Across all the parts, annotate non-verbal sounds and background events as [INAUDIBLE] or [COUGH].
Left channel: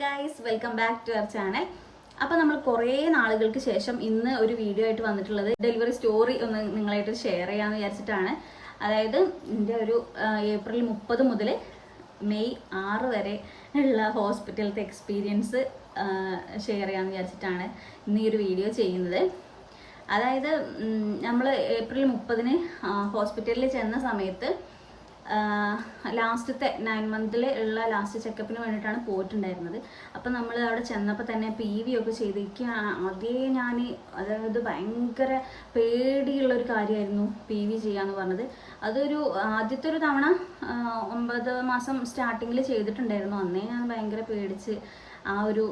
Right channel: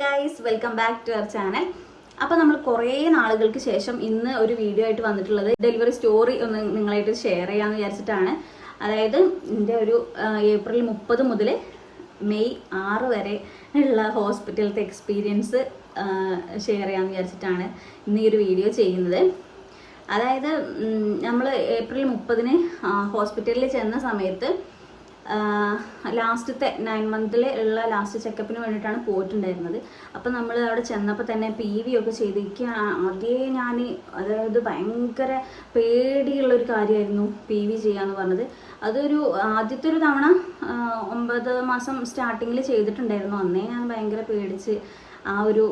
Guys welcome back to our channel അപ്പോൾ നമ്മൾ കുറേ നാളുകൾക്ക് ശേഷം ഇന്ന് ഒരു വീഡിയോ ആയിട്ട് വന്നിട്ടുള്ളത് ഡെലിവറി സ്റ്റോറി ഒന്ന് നിങ്ങളായിട്ട് ഷെയർ ചെയ്യാമെന്ന് വിചാരിച്ചിട്ടാണ്. അതായത് എന്റെ ഒരു ഏപ്രിൽ മുപ്പത് മുതൽ മെയ് ആറ് വരെ ഉള്ള ഹോസ്പിറ്റലത്തെ എക്സ്പീരിയൻസ് ഷെയർ ചെയ്യാമെന്ന് വിചാരിച്ചിട്ടാണ് ഇന്ന് ഈ ഒരു വീഡിയോ ചെയ്യുന്നത്. അതായത് നമ്മൾ ഏപ്രിൽ മുപ്പതിന് ഹോസ്പിറ്റലിൽ ചെന്ന സമയത്ത് ലാസ്റ്റത്തെ നയൻ മന്തിൽ ഉള്ള ലാസ്റ്റ് ചെക്കപ്പിന് വേണ്ടിയിട്ടാണ് പോയിട്ടുണ്ടായിരുന്നത്. അപ്പം നമ്മൾ അവിടെ ചെന്നപ്പോൾ തന്നെ പി വി ഒക്കെ ചെയ്തിരിക്കുക അതേ ഞാൻ അതായത് ഭയങ്കര പേടിയുള്ള ഒരു കാര്യമായിരുന്നു പി വി ചെയ്യാന്ന് പറഞ്ഞത്. അതൊരു ആദ്യത്തെ ഒരു തവണ ഒമ്പത് മാസം സ്റ്റാർട്ടിങ്ങിൽ ചെയ്തിട്ടുണ്ടായിരുന്നു. അന്നേ ഞാൻ ഭയങ്കര പേടിച്ച് ആ ഒരു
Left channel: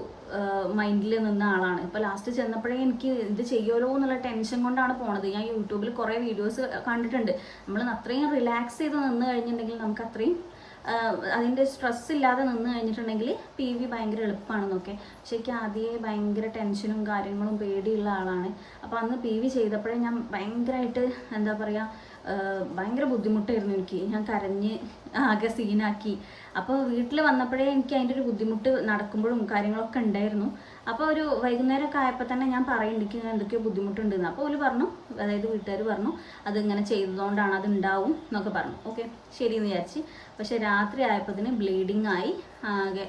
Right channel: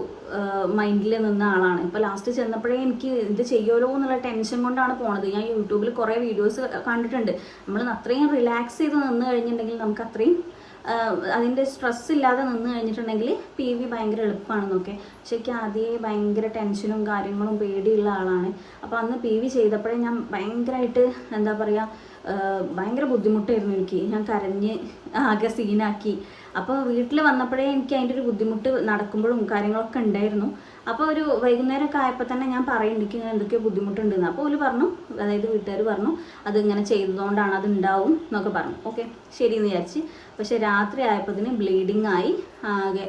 മൈൻഡിൽ നിന്ന ആളാണ്. ഇപ്പോൾ ലാസ്റ്റ് ചെന്നപ്പോഴേ എനിക്ക് എന്ത് ചെയ്യുമല്ലോ എന്നുള്ള ടെൻഷൻ കൊണ്ടാണ് പോണത്. ഞാൻ യൂട്യൂബിൽ കുറേ വീഡിയോസ് കണ്ടിട്ടുണ്ട്. നമ്മൾ അത്രയും റിലാക്സ് ചെയ്ത് നിന്ന് കഴിഞ്ഞിട്ടുണ്ടെങ്കിൽ നമുക്ക് അത്രയും അതിന്റെ സ്ട്രെസ് ഇല്ലാതെ നിന്ന് കഴിഞ്ഞിട്ടുണ്ടെങ്കിൽ പി വി ഭയങ്കര എളുപ്പമാണെന്നൊക്കെ പക്ഷേ എനിക്ക് ആദ്യമേ ഭയങ്കര ടെൻഷനും കാര്യങ്ങളും പേടിയുള്ള ആളാണ്. അപ്പോൾ അന്ന് പി വി ചെയ്തപ്പോഴേ ഞാൻ ഭയങ്കരമായിട്ട് എന്താ പറയുക ഭയങ്കര ബുദ്ധിമുട്ടായിരുന്നു എനിക്ക്. ഞാൻ കരഞ്ഞ് ആകെ സീനാക്കി അപ്പോൾ വീട്ടിൽ വന്നപ്പോഴേ എനിക്ക് അതിന്റെ ഒരു ബുദ്ധിമുട്ട് നടക്കുമ്പോഴും കാര്യങ്ങളൊക്കെ ഉണ്ടായിരുന്നു. അപ്പോൾ ഒരു വൈകുന്നേരമൊക്കെ ആയപ്പോൾ തന്നെ ഞാൻ പറയുന്നുണ്ട് ഇങ്ങനെ എന്തൊക്കെയോ ബുദ്ധിമുട്ടുണ്ടെന്ന്. അപ്പോൾ ഒരു പറഞ്ഞു അതായത് വീട്ടുകാർ പറഞ്ഞു അത് ഇങ്ങനെ ചെയ്തതുകൊണ്ടാണ് അത് ഉണ്ടാവും എന്നൊക്കെ പറഞ്ഞു. ഓക്കെ ശരി എന്ന് വിചാരിച്ച്. പക്ഷേ രാത്രി ആയപ്പോൾ ബ്ലീഡിങ് ആയി ആകെ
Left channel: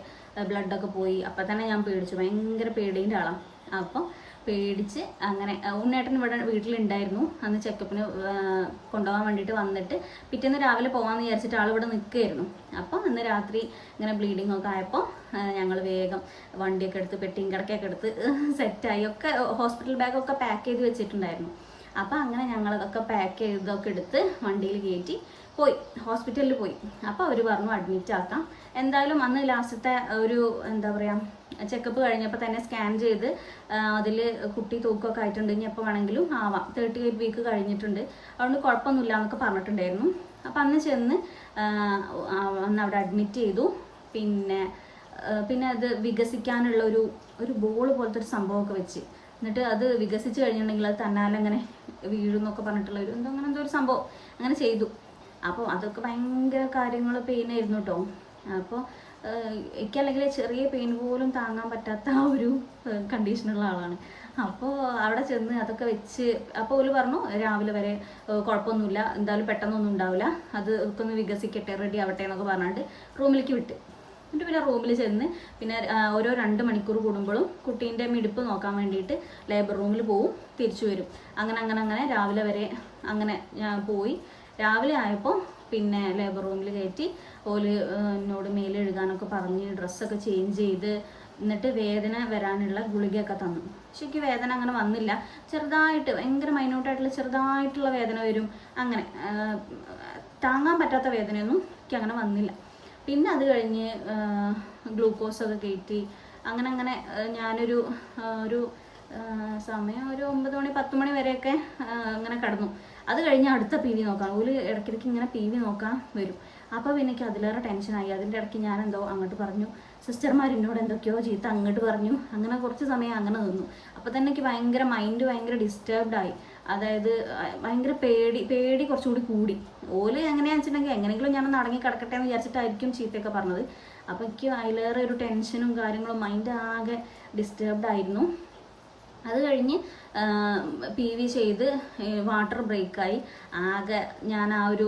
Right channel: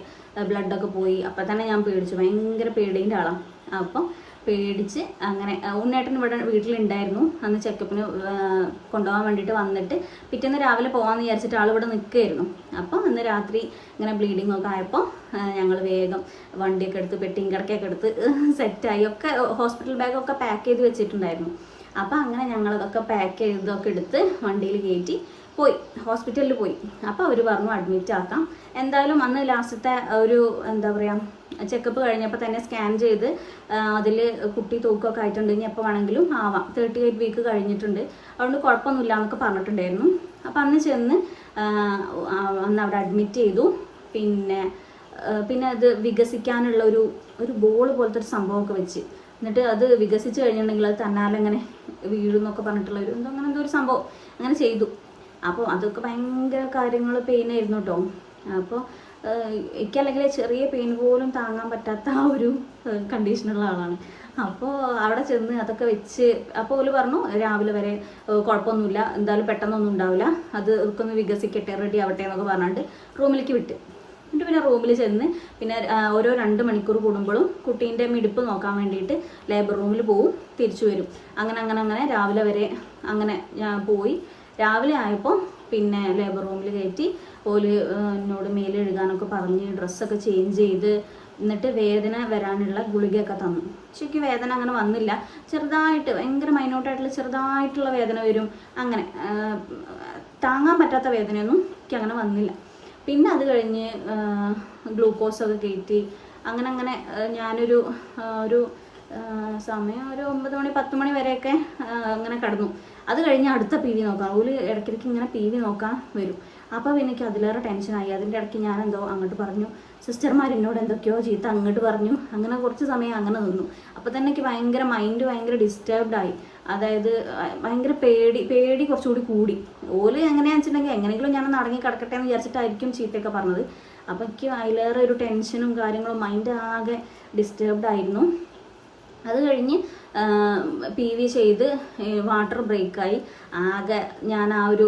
ബ്ലഡൊക്കെ പോയി. അപ്പോൾ തന്നെ ഞാൻ പേടിച്ചു. ഭയങ്കര പേടീന്റെ ആളാണ് അപ്പം പേടിച്ച് അങ്ങനെ ഉണ്ണേട്ടൻ ഇവിടെ വീട്ടിലുണ്ടായിരുന്നു. അന്ന് ചെക്കപ്പിന് കൊണ്ടുപോകാൻ വേണ്ടിയിട്ട് വന്നിട്ട് പിറ്റേന്ന് രാവിലെ പോകാമെന്ന് വിചാരിച്ചിട്ട് ആൾ ഇവിടെ നിൽക്കുകയായിരുന്നു അപ്പോൾ അന്ന് രാത്രി ഇങ്ങനെ ബ്ലീഡിംഗ് ഒക്കെ ആയപ്പോൾ ഞങ്ങൾ വേഗം വണ്ടിയൊക്കെ എടുത്ത് പെട്ടിയും കിടക്കൊക്കെ എടുത്ത് സെറ്റായി. ഒക്കെ ഹോസ്പിറ്റൽ ബാഗൊക്കെ പാക്ക് ചെയ്ത് വെച്ചിട്ടുണ്ടായിരുന്നു. അപ്പോൾ അങ്ങനെ ഞങ്ങളതൊക്കെ പാക്ക് ചെയ്തതൊക്കെ എടുത്ത് വണ്ടിയിൽ കയറ്റി പോയി ഹോസ്പിറ്റലിൽ പോയി. അപ്പോൾ അവർ പറഞ്ഞു അഡ്മിറ്റ് ആക്കാം. എന്തായാലും അന്ന് ലാസ്റ്റത്തെ ഒരു എന്താ പറയുക ചെക്കപ്പ് കഴിഞ്ഞപ്പോൾ തന്നെ സ്കാൻ ചെയ്ത് അതിൽ കുട്ടി തൂക്കമൊക്കെ ആയിട്ടുണ്ട്. ഇനി എപ്പോൾ വേണമെങ്കിലും ആവാം. തേർട്ടി എയ്റ്റ് വീക്ക് കഴിഞ്ഞിട്ടുണ്ട്. അതുകൊണ്ട് കുഴപ്പമൊന്നുമില്ല എന്നൊക്കെ പറഞ്ഞിട്ടുണ്ടായിരുന്നു. അപ്പം അന്ന് ചെന്ന് അന്ന് അവിടെ അഡ്മിറ്റ് ചെയ്തു. പിന്നെ പിന്നെ അത് വികസിക്കാനുള്ള ഒരു ഒരു ബോൾ പോലത്തെ ഒരു സംഭവമൊക്കെ വെച്ച്. എന്നിട്ട് അത് വികസിച്ച് കഴിഞ്ഞിട്ടുണ്ടെങ്കിൽ അത് തന്നാലെ അങ്ങനെ വീഴുന്നൊക്കെ പറഞ്ഞിട്ടുള്ള ഒരു എന്തോ അങ്ങനെ എന്തോ ഒരു സംഭവം. അങ്ങനെ ചെയ്തു. അപ്പോൾ അതൊക്കെ ഭയങ്കര കാര്യങ്ങൾ പെയിൻ ആയിരുന്നു കേട്ടോ. അപ്പോൾ എനിക്കല്ലെങ്കിൽ ചെറിയ പെയിൻ പോലും താങ്ങാൻ പറ്റാത്ത ആ ഒരു കണ്ടീഷനുള്ള ആളാണ്. അപ്പോൾ അവിടെ ചെന്ന് അതൊക്കെ വെച്ച് അപ്പോൾ ഓൽ പറഞ്ഞു രാവിലെ വരെ കുഴപ്പമൊന്നുമില്ല എന്തായാലും പെട്ടെന്നൊന്നും ഉണ്ടാവില്ല അത് ഒക്കെ ഒന്ന് വികസിക്കട്ടെ റെഡി ആവട്ടെ എന്നൊക്കെ പറഞ്ഞിട്ട് റൂമിലേക്ക് വിട്ട്. എന്നിട്ട് പിന്നെ റൂമിൽ ചെന്ന് പിന്നെ ഓരോ രണ്ട് മണിക്കൂർ കൂടുമ്പോഴും കുട്ടീന്റെ മിടിപ്പ് നോക്കാൻ വേണ്ടിയിട്ട് ലേബർ റൂമിൽ പോവും തിരിച്ചു വരും. അങ്ങനെ അങ്ങനെ അങ്ങനെ രാവിലെ വരെ അങ്ങനെ ഞാൻ പോയി. രാവിലെ ആയപ്പോൾ പിന്നെ ലേബർ റൂമിൽ കയറ്റി ഓൽ എന്നോട് മേലെഴുകാനൊക്കെ പറഞ്ഞ് ഡ്രസ്സൊക്കെ ചേഞ്ച് ചെയ്ത് എന്നിട്ട് വേദന വരാനുള്ള ഗുളികയൊക്കെ തന്നു. ശരിക്കും വേദന അങ്ങനെ വന്നില്ല. ചെറുതായിട്ട് ഭയങ്കര മൈനോട്ടായിട്ടുള്ള ചെറുതായിട്ടുള്ള വേദന വരും. അങ്ങനെ താങ്ങാൻ പറ്റാത്ത വേദനയൊന്നും എനിക്ക് അങ്ങനെ വന്നില്ല. പിന്നെ അത് കഴിഞ്ഞ് ഗ്ലൂക്കോസൊക്കെ കയറ്റി അങ്ങനെ അങ്ങനെ ഞാനൊരു ഒരു സമയം ഒരു ഒമ്പത് മണി പത്ത് മണി വരെയൊക്കെ അങ്ങനെ കടന്നു. അത് കഴിഞ്ഞ് അടുത്ത പി വി നോക്കാം. ഒരു ഇടയ്ക്കിടയ്ക്ക് ഇങ്ങനെ പി വി നോക്കാൻ വരും. അപ്പോൾ എനിക്ക് അതിലേറെ ടെൻഷനായി അതിന്റെ ഇടയ്ക്ക് ഞാൻ എന്തോ അങ്ങോട്ട് പറഞ്ഞു. സിസ്റ്റർമാർ എന്നോട് എന്തൊക്കെയോ ചീത്ത അങ്ങോട്ട് പറഞ്ഞു. അങ്ങനെ കുറച്ച് സമയം അങ്ങനെ നിന്നു. അപ്പോൾ തന്നെ എനിക്ക് ഭയങ്കര മൈൻഡ് ഭയങ്കര ഡിസ്റ്റർബ്ഡ് ആയി. അതായത് ഭയങ്കര പേടി പേടി കുറച്ചുകൂടി കൂടി. ഓൽ എങ്ങനെയാണെന്ന് വെച്ചിട്ടുണ്ടെങ്കിൽ എങ്ങനെയെങ്കിലും ഞാൻ നടങ്ങി കിടക്കട്ടെ എന്ന് വിചാരിച്ചിട്ടായിരിക്കും ചീത്തയൊക്കെ പറഞ്ഞത്. അപ്പോൾ എനിക്ക് അതിലേറെ ഒരു ടെൻഷനും കാര്യങ്ങളും മൈൻഡ് ആകെ ഡിസ്റ്റർബ്ഡ് ആയിരുന്നു. അത് കഴിഞ്ഞ് പി വി ചെയ്ത് വാട്ടർ ബ്രേക്കായി. ആകെ ഞാൻ ആ ഒരു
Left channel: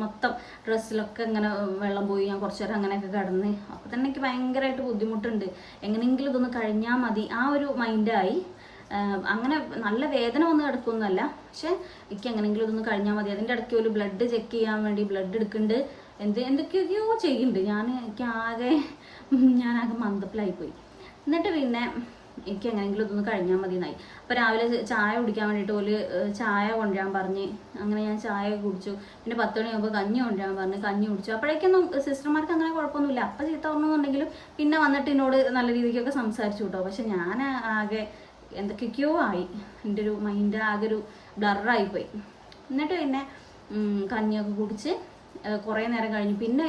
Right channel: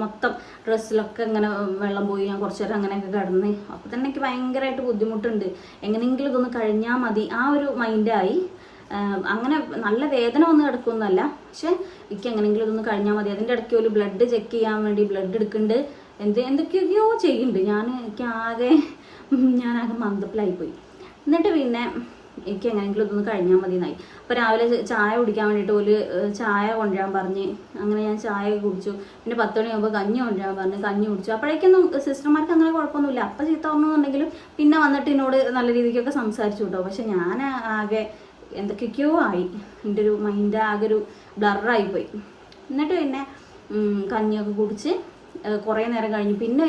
മൊത്തം ഡ്രസ്സിലൊക്കെ ഇങ്ങനെ വെള്ളം പോയി ഞാൻ കുറച്ച് നേരം അങ്ങനെയൊക്കെ കിടന്ന്. അപ്പോൾ തന്നെ എനിക്ക് ഭയങ്കരമായിട്ട് ബുദ്ധിമുട്ടുണ്ട്. എങ്ങനെയെങ്കിലും ഇതൊന്ന് കഴിഞ്ഞാൽ മതി. ആ ഒരു മൈൻഡായി. അങ്ങനെ നല്ല വേദന ഒന്നും കിടക്കുമെന്നല്ല പക്ഷെ എനിക്ക് എങ്ങനെയെങ്കിലും ഇതൊന്ന് കഴിഞ്ഞാൽ മതി. അതിന്റെ ഇടയ്ക്ക് ഒരു ബ്ലഡ് ചെക്ക് ചെയ്യാൻ വേണ്ടി ബ്ലഡ് എടുക്കുന്നുണ്ട്. എന്ത് എന്തൊക്കെയൊക്കെയോ ചെയ്യുന്നുണ്ട്. ഞാൻ എനിക്ക് ആകെ ഞാനാകെ മന്ദപ്പിലായിപ്പോയി. എന്നിട്ട് പിന്നെ എനിക്ക് എങ്ങനെയെങ്കിലും ഇതൊന്ന് കഴിഞ്ഞാൽ മതി എന്നായി അപ്പോൾ രാവിലെ ചായ കുടിക്കാൻ വേണ്ടിയിട്ട് ഒരു ചായ കൊണ്ടുവരാൻ പറഞ്ഞ് അങ്ങനെ ഞാൻ ചായ കുടിച്ചു. പിന്നെ പത്ത് മണിയാകുമ്പോൾ കഞ്ഞി കൊണ്ടുവരാൻ പറഞ്ഞ് കഞ്ഞി കുടിച്ചു. അപ്പോഴേക്കൊന്നും സിസ്റ്റർമാർക്ക് അങ്ങനെ കുഴപ്പമൊന്നുമില്ല. അപ്പം ചീത്ത പറഞ്ഞെന്നുണ്ടെങ്കിലും പിന്നെ വന്നിട്ട് എന്നോട് നല്ല രീതിക്കൊക്കെ സംസാരിച്ചു കേട്ടോ പക്ഷെ ഞാൻ ആകെ എന്തൊക്കെയൊക്കെയോ ആയി. എന്റെ ഒരു മൈൻഡ് ആകെ ഒരു ബ്ലറായിപ്പോയി എന്നിട്ട് പിന്നെ കഞ്ഞിയൊക്കെ കുടിച്ച് കുറേ നേരം കഴിഞ്ഞു. പിന്നെ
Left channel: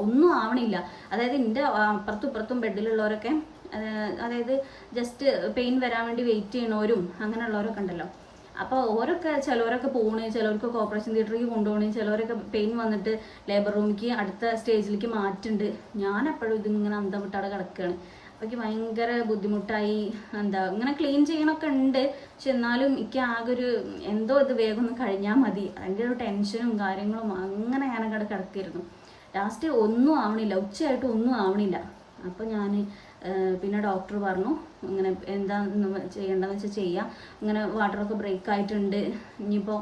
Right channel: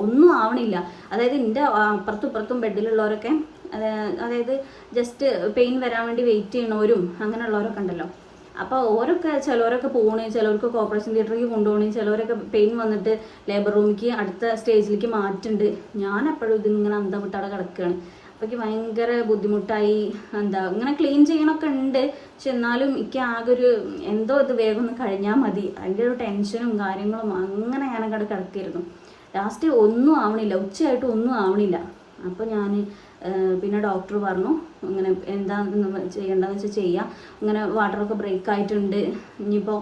ഒന്നും ആവണില്ല. അതായത് എന്റെ അപ്പുറത്തും ഇപ്പുറത്തും ബെഡിലുള്ളവരൊക്കെ അതായത് ജസ്റ്റ് പെയിൻ വരാൻ വേണ്ടി വെയിറ്റ് ചെയ്യണവരും അങ്ങനെയുള്ളവരൊക്കെ ഉണ്ടല്ലോ. അപ്പോൾ ഓരൊക്കെ ചിലവരൊക്കെ പോകണേ ചിലവർക്ക് ഓപ്പറേഷൻ തിയേറ്ററിലേക്ക് കൊണ്ടുപോകണേ ചിലവരൊക്കെ പെയിൻ വന്നിട്ട് ലേബർ റൂമിലേക്ക് അടുത്ത സ്റ്റേജിലേക്ക് മാറ്റുന്നുണ്ട് ഞാൻ എപ്പോഴും ഇതിങ്ങനെ അന്തം വിട്ടാടെ കിടക്കുകയാണ് അപ്പോൾ എനിക്ക് ഭയങ്കര ബുദ്ധിമുട്ടായി എന്താ ഇങ്ങനെ ക്ലീൻ ചെയ്യണമൊക്കെ ഉണ്ട്. പക്ഷെ എന്നാലും എനിക്ക് ആകെ ഒരു എന്തോ ഇത് വേഗം ഒന്ന് കഴിഞ്ഞാൽ മതി. അതിന്റെ ഒരു ടെൻഷനും കാര്യങ്ങളും അങ്ങനെ ഞാനങ്ങോട്ട് കിടക്കായിരുന്നു. ലാസ്റ്റ് ഒന്നും ആവണില്ല ഉച്ചയായിട്ട് ഒന്നും ആവണില്ല. അപ്പോൾ ഞാൻ പിന്നെ ഡോക്ടർ പറഞ്ഞു ഇങ്ങനെ എന്താ ചെയ്യേണ്ടതെന്ന് വെച്ചാൽ ചെയ്യാം. ഇങ്ങനെ വാട്ടറൊക്കെ ബ്രേക്ക് ആയിട്ടുണ്ട്. ഇനിയിപ്പോൾ